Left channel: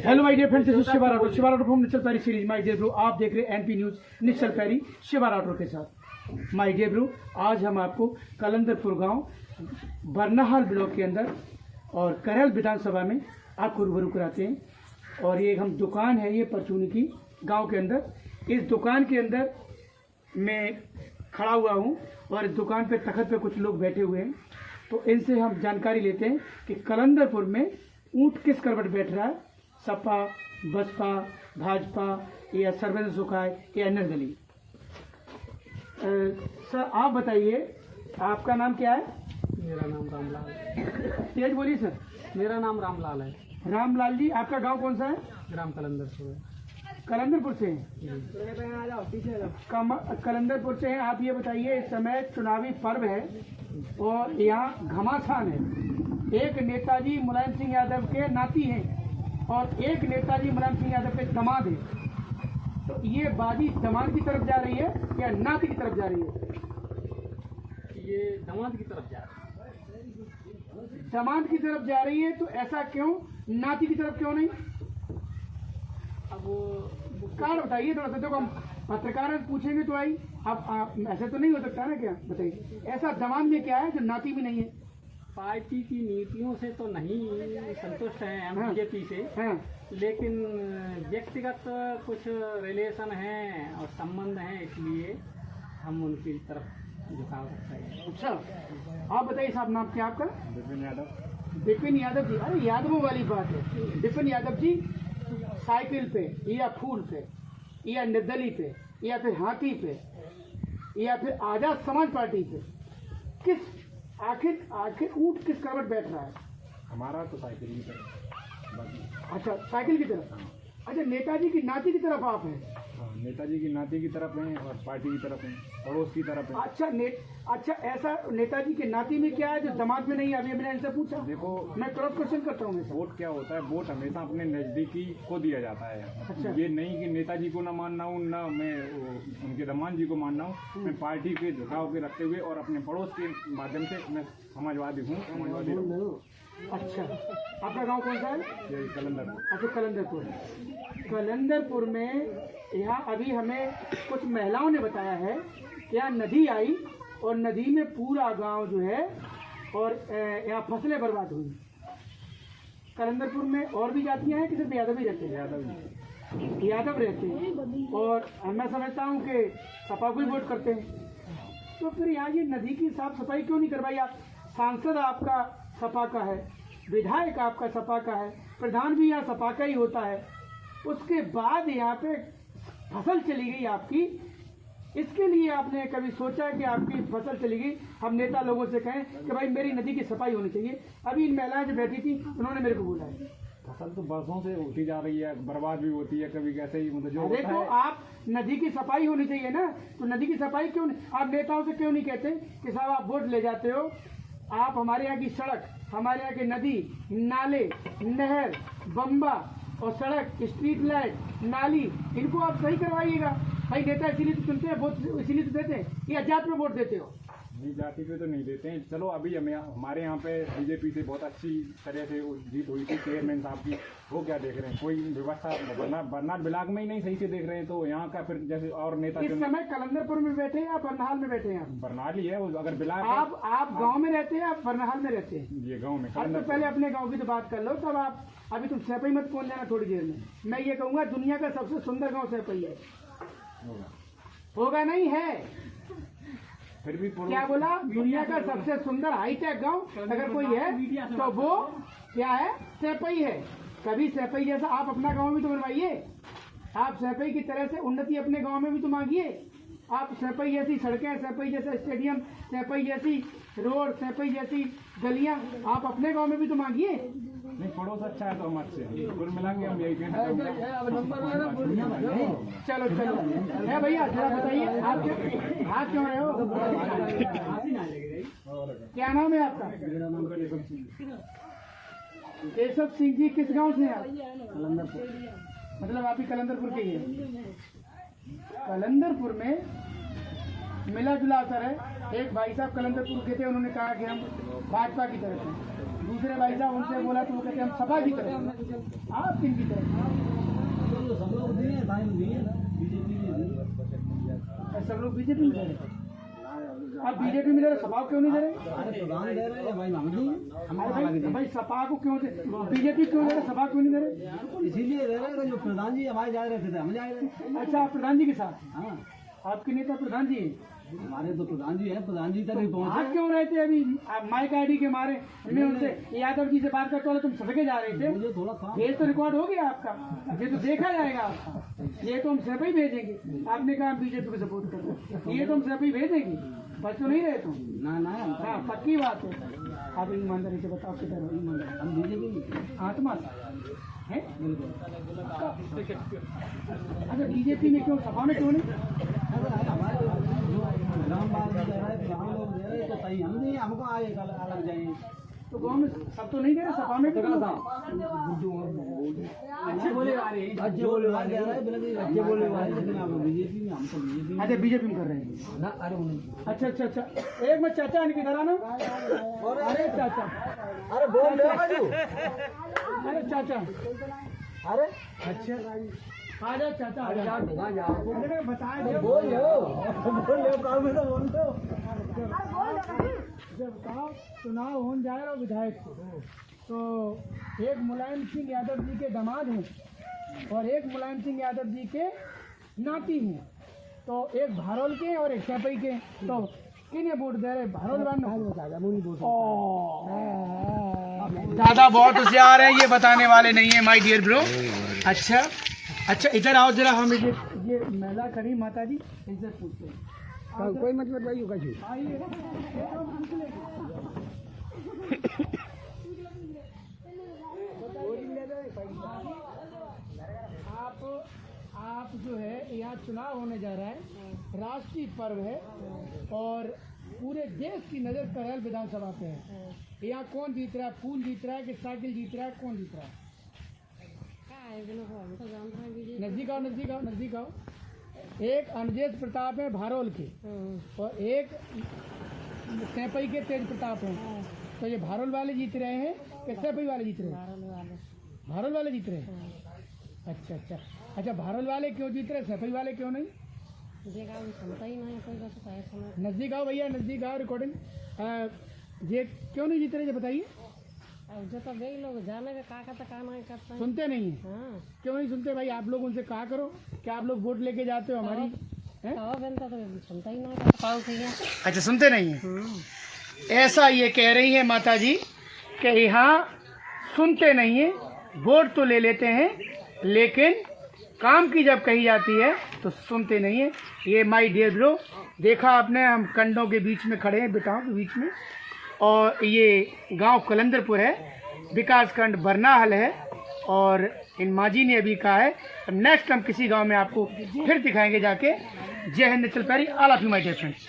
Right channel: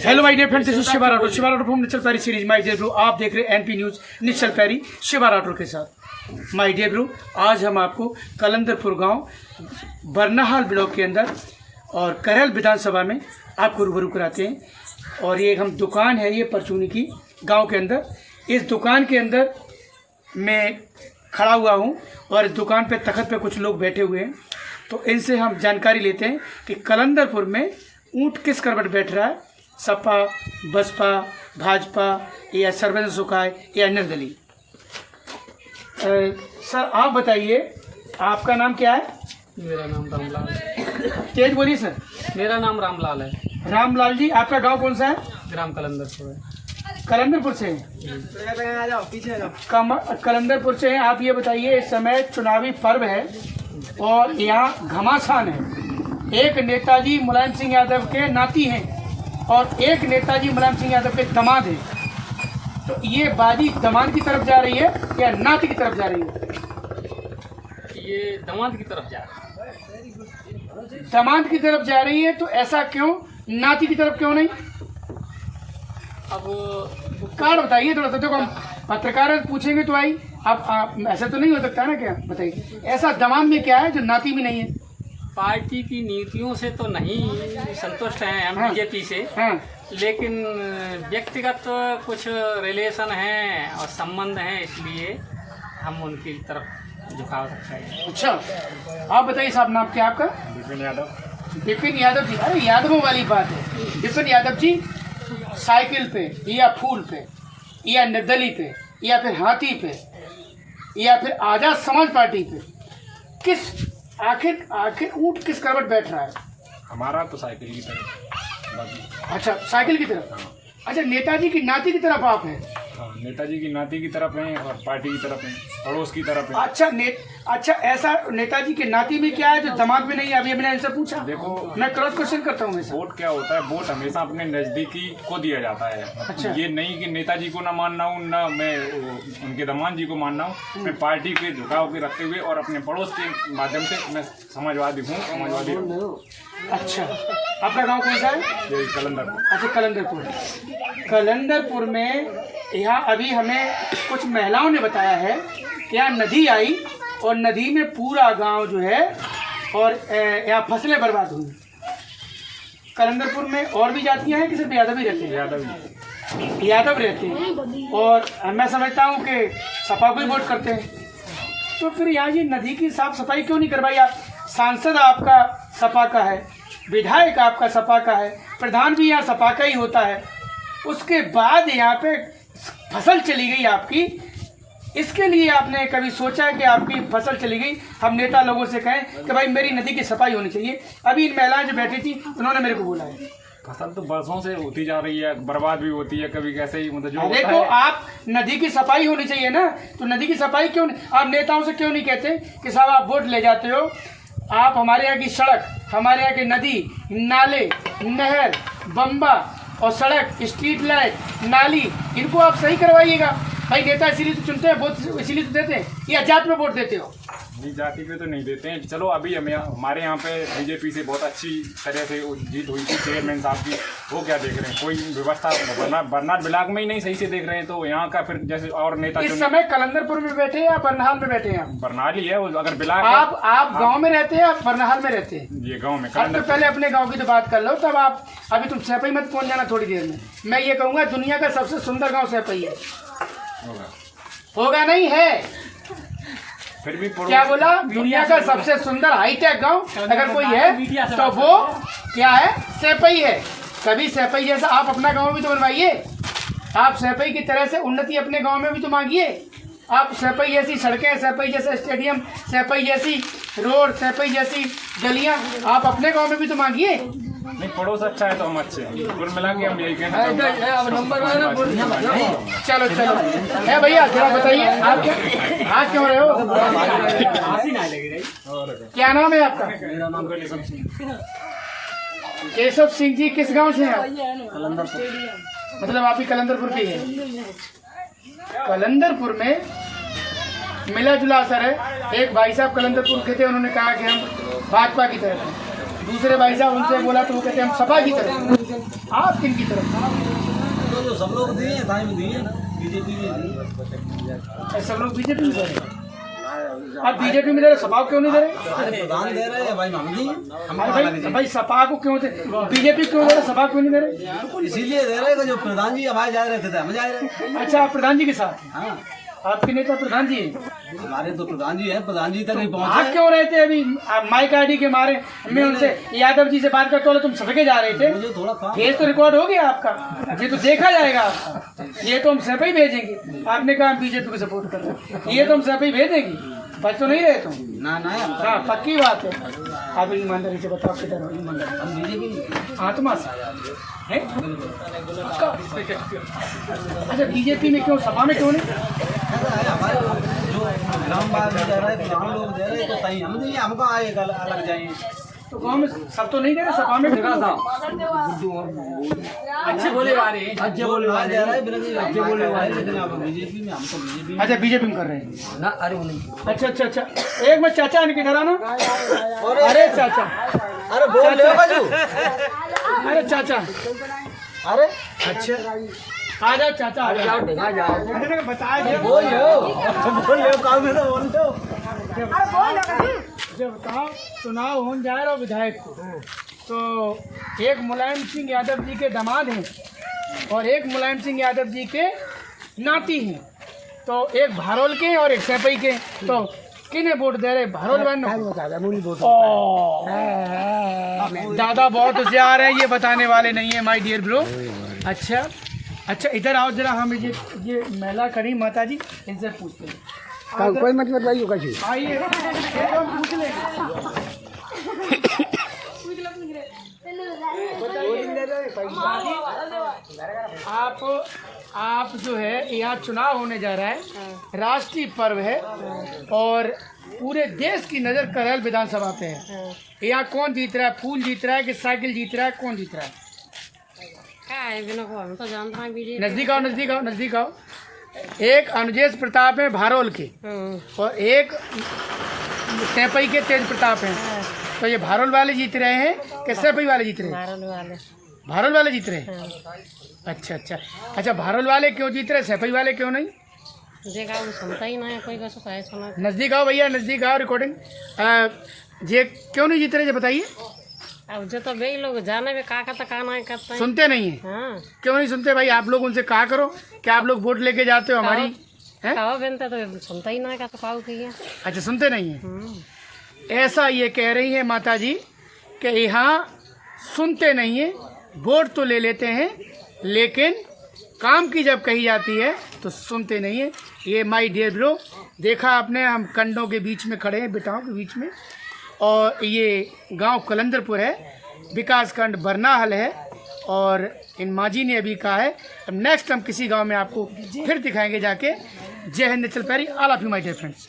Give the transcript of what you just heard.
Hello my dear friends, this is Shiva Rathore from Nishchal Pari series. My dear bro, आप देख रहे हैं एनपी न्यूज निश्चल पैरी शिवा राठौर के साथ। माय डियर ब्रो, आज हम आपको कलंदरपुर गांव बरनाहाल ब्लॉक के अंदर और करहल विधानसभा में आपको रूबरू कराते हैं। और ये हम दुकान है, ये परचूनी की गांव के अंदर। इस दुकान के अंदर मैं खड़ा हुआ हूं और इस दुकान पे तखत पे कुछ लोग बैठे हुए हैं। तो इनसे हम जानकारी लेते हैं कि कलंदरपुर में ऊंट किस करवट बैठ रहा है, सपा, बसपा, भाजपा या सर्वजन सुखाय या निर्दलीय। सर आप बताइए, आपका नाम क्या है? मेरा नाम रामलाल है। तेज बोलिए सर। मेरा नाम रामलाल है। रामलाल जी, आपका गांव कौन सा है? ग्राम कलंदरपुर है। कलंदरपुर से हैं। कलंदरपुर से हैं। आप ये बताइए, इस समय चुनावी पर्व है और यहाँ घमासान है। एक नेताजी मुलायम सिंह यादव के नाती हैं और एक नेताजी मुलायम सिंह यादव के दामाद हैं। तो ये बाजी दामाद की तरफ जा रही है या नाती की तरफ जा रही है? ये दामाद की तरफ जा रहा है। दामाद की तरफ जा रही है, तो ऐसा क्यों? नाती की तरफ क्यों नहीं? अब कारण बताइए थोड़ा सा। देखो, हम पत्रकार पूछेंगे तो भाई आप ऐसा तो नहीं हो सकता ना, क्या बताइए ऐसा दामाद में क्या है जो नाती में नहीं है? पार्टी की नीतियों से तो नहीं संतुष्ट हैं हम बीजेपी से, लेकिन व्यक्तिगत कुछ रिलेशन हैं और संबंध हैं, इसलिए हम उनकी तरफ झुकाव रखते हैं। अच्छा, आप बताइए साहब, नाम क्या आपका? विपिन यादव। विपिन यादव जी, अरे यादवों वाली बात है। विपिन यादव जी साइकिल पे या फूल पे या निर्दलीय पे या फिर हाथी पे या फिर आजाद समाज पार्टी पे किस आखिर ऊंट किस करवट बैठ रहा है? हमारा तो साइकिल की तरफ। अच्छा, साइकिल की तरफ। अच्छा, नेताजी की नाती की तरफ आप हैं? हाँ, नेताजी की नाती की तरफ हैं और पार्टी की तरफ हैं, पड़ोस की तरफ हैं। अच्छा, ऐसा नेताजी के नाती में क्या है जो दामाद में नहीं है? अभी मैंने इनसे पूछा। देखो, मैं क्रॉस क्वेश्चन करता हूँ। वोट क्या होता है? वोट हमेशा अपने नजदीकी को दिया जाता है। अच्छा। ये नहीं कि नेताजी को ना मानना हूँ, ना मैं उनके दामाद जी को मानना हूँ। मैं पार्टी के झुकाव के रखते हुए और अपने पड़ोस के माध्यम से मैं समाजवादी हूँ, समाजवादी हूँ। अच्छा, आपका गांव कौन सा है? ये कलंदरपुर। अच्छा, कलंदरपुर में यहाँ अभी हमें कुछ महिलाओं ने बताया है कि यहाँ नदी आई और नदी में पूरा गांव जो है और यहाँ फसलें बर्बाद हुई। कलंदरपुर में और भी जातियाँ हैं कि सिर्फ यादव ही रहते हैं? यादव रहते हैं। और मैं समझता हूँ कि सपा को ही वोट करते हैं। तो फिर यहाँ जी नदी की साफ सफाई क्यों नहीं करवाई? आप सांसद आपका सपा का है, विधायक आपका सपा का है, प्रधान भी यहाँ सपा का ही होता है। उसके बाद यहाँ पे फसल चली गई आपकी। इसके लिए आपने कभी सोचा कि आपकी फसल चली गई, हम नेता लोगों से कहें कि भाई मेरी नदी की सफाई होनी चाहिए? अभी इन महिलाएं जो बैठी थी उन्होंने मेरे को बोला है। फसल तो बरसों से होती जा रही है, बर्बाद भी होती है कभी, कैसे ही मतलब जो देखो, आप नदी की सफाई होनी चाहिए ना, तो नदी की सफाई क्यों नहीं? आप नेताओं से क्यों नहीं कहते कि साहब आप वोट ले जाते हो, आप हमारे यहाँ की सड़क, हमारे यहाँ की नदी, नाले, नहर, बम्बा और सड़क, स्ट्रीट लाइट, नाली, इनको आप सही करवाइएगा। भाई नेता इसीलिए तो चुनते हैं, वोट इसीलिए तो देते हैं, या जात पे वोट देते हो? नहीं, जाति पे तो नहीं देते हैं। चलो, अभी हमारे यहाँ पे बीजेपी से बहुत अच्छी तरह से जीत हुई थी चेयरमैन साहब की। वो क्या देख रहे हैं? कोई व्यवस्था बरनाट ब्लॉक में ही नहीं सही से देख रहे हैं, तो यहाँ का फिर जैसे और नेता इस समय कलंदरपुर में बैठे या बरनाहाल में बैठे हैं? बरनाल ही है। अगर ब्लॉक आप गाँव में रहते हैं या बरनाहाल में रहते हैं? ये गाँव में। तो पहले अपने गाँव की तो बात कर लो, तब आप अभी तुम सैपई मत पहुँच जाना थोड़ी देर में। मैं ये कहूँगा दुनिया का सबसे सुंदर गाँव सैपई है। होगा नहीं है? फिर भी क्या बोला? दुनिया का सबसे सुंदर हाईटेक गांव अगर कोई है तो वो क्या है? सैपई है। कभी सैपई जैसा आप अपना गांव भी तो बनवाइए। आप सैपई की तरह से उन्नति अपने गांव में भी तो मांगिए। आप सैपई जैसी सड़कें, सैपई जैसा स्टेडियम, सैपई जैसी रोड, सैपई जैसी गलियां आप अपने गांव में भी तो मांगिए। नहीं, पड़ोस अच्छा है तो हम अच्छे हैं। कुल मिला के हम यही कहना चलो है भैया, जरा बताइए आप क्यों रहे हो? क्या नाम है आपका? मेरा नाम केशव सिंह। केशव सिंह जी, किस गांव से हैं आप? कलंदरपुर। मतलब आप ही कलंदरपुर के हैं? कलंदरपुर में मिला जुला असर है। एक भाई साहब कलंदरपुर के थे, उन्होंने कहा कि हम भाजपा की तरफ हैं। दूसरे भाई साहब उनसे बोला तो वो कहते हैं हम सपा की तरफ हैं। आप किन की तरफ? तो सब लोग दिए दिए बीजेपी में सब लोग बीजेपी में दे रहे। आप बीजेपी में दे रहे, सपा को क्यों नहीं दे रहे? अरे प्रधान दे रहे हैं भाई, हम दिए अरे भाई सपा को क्यों दे, बीजेपी क्यों दे रहे, सपा क्यों नहीं दे रहे? इसीलिए दे रहे हैं कि जो प्रधान जी हमारे जा रहे थे हम जा रहे हैं। अच्छा, आप प्रधान जी के साथ? हाँ, आपके नेता प्रधान जी हैं? हमारे तो प्रधान जी है, प्रधान जी तक नहीं आप पहुँचे। क्यों रहे थे अभी? माइक आईडी के मारे मैं उनसे यादव जी से बात करते हो, तुम सड़के जा रहे थे। मुझे थोड़ा काम केस तो रिकॉर्ड हो गया आपका, ये तो देखा जाएगा आपका। ये तो हम सब ही भेजेंगे। आपने कहा हम बीजेपी को सपोर्ट कर रहे हैं, ये तो हम सब ही भेजेंगे। बच तो नहीं रहे तुम? ना ना हम हाँ, पक्की बात है। आप ईमानदारी से बताओ किधर हो? ईमानदारी हम बीजेपी आत्मा से है? अच्छा, बीजेपी में क्यों, सपा में क्यों नहीं? ऐसा है, हमारे जो ग्राम बाग में जा रहे हैं, प्रधान लोग दे रहे हैं, तो कहीं हम नहीं, हमको आए अलग जाएंगे। तो गाँव में सब तो नहीं दे रहे, सपा में अच्छे बोले वाले हैं। अच्छे बोले वाले जा रहा है, अच्छे बोले वाले, लेकिन अब बीजेपी में हम तो बीजेपी। अच्छा, बीजेपी में कर रहे हैं ना, अरे वो नहीं। अच्छा अच्छा अच्छा। एक मिनट चाचा, इनके इधर आना। अरे चाचा, अरे बोल ले बाजू। अरे चाचा, अरे अच्छा आ जाओ चाचा, आ जाओ। बताया जब बोल ले काम में तो बोल लो। जब बताओ चुनाव हो जाए और विधायक को, तो एक मुलायम सिंह यादव जी के दामाद हैं और एक मुलायम सिंह यादव जी के नाती हैं। तो एक भारोल के और एक सैपई के, तो किन्हें वोट दे रहे? भारोल वाले। दादा बहुत होशियार है, ये बताने वाले नहीं है माय डियर ब्रो। अच्छा अच्छा, इधर आओ जरा, हम ये महिला करी माता जी, इनसे पूछते हैं। कोई मत बताइए कैसे। आइए, पूछ लेंगे। आप जो है, यहाँ चुनाव होने जा रहा है, राष्ट्रीय पर्व है और पूरे देश की नज़र करहल विधानसभा पे है। यहाँ कौन जीत रहा है? फूल जीत रहा है कि साइकिल जीत रहा है? कौन जीत रहा है? नजदीक आओ, नजदीक आओ, नजदीक आओ। एक अनुजेश प्रताप है भारोल के और एक सैपई के तेज प्रताप हैं। तो ये भारोल वाले जीत रहे हैं कि सैपई वाले जीत रहे हैं? भारोल वाले जीत रहे हैं। अच्छा अच्छा अच्छा, भारोल वाले क्यों जीत रहे, सैपई वाले क्यों नहीं? सुनता ही नहीं कोई, कैसे कहे सुना। नज़दीक आओ भैया, नज़दीक आओ। रिकॉर्डिंग ये क्यों नहीं जीत रहे, ये बताइए। अब जो तो वही लोग जाने में का नहीं करते हैं। सुनते नहीं है? हाँ, क्यों नहीं सुनते भाई? आप लोग उनसे कहा करो कि आप लोग वोट लेके जाते हो हमारी, हैं? कहो बनता तो सुनता ही नहीं का, तो काऊ किया। अच्छा, सुनते नहीं है। ऐसा ये कह रही है माता जी कि यहाँ सुनते नहीं है, वोट तो ले लेते हैं लेकिन काम की जब कही जाती है तो सुनते नहीं है। ये माय डियर ब्रो, देखा आपने, हम कंडों के बीच में खड़े हैं, बेटाओं के बीच में, और ये गांव कलंदरपुर है, विकास खंड बरनाहल है। और इन माजी ने अभी कहा है नेक्स्ट हम किसी गांव में आपको फिर दिखाएंगे जाके। जय हिंद, चल पैरी, all of you my dear friends.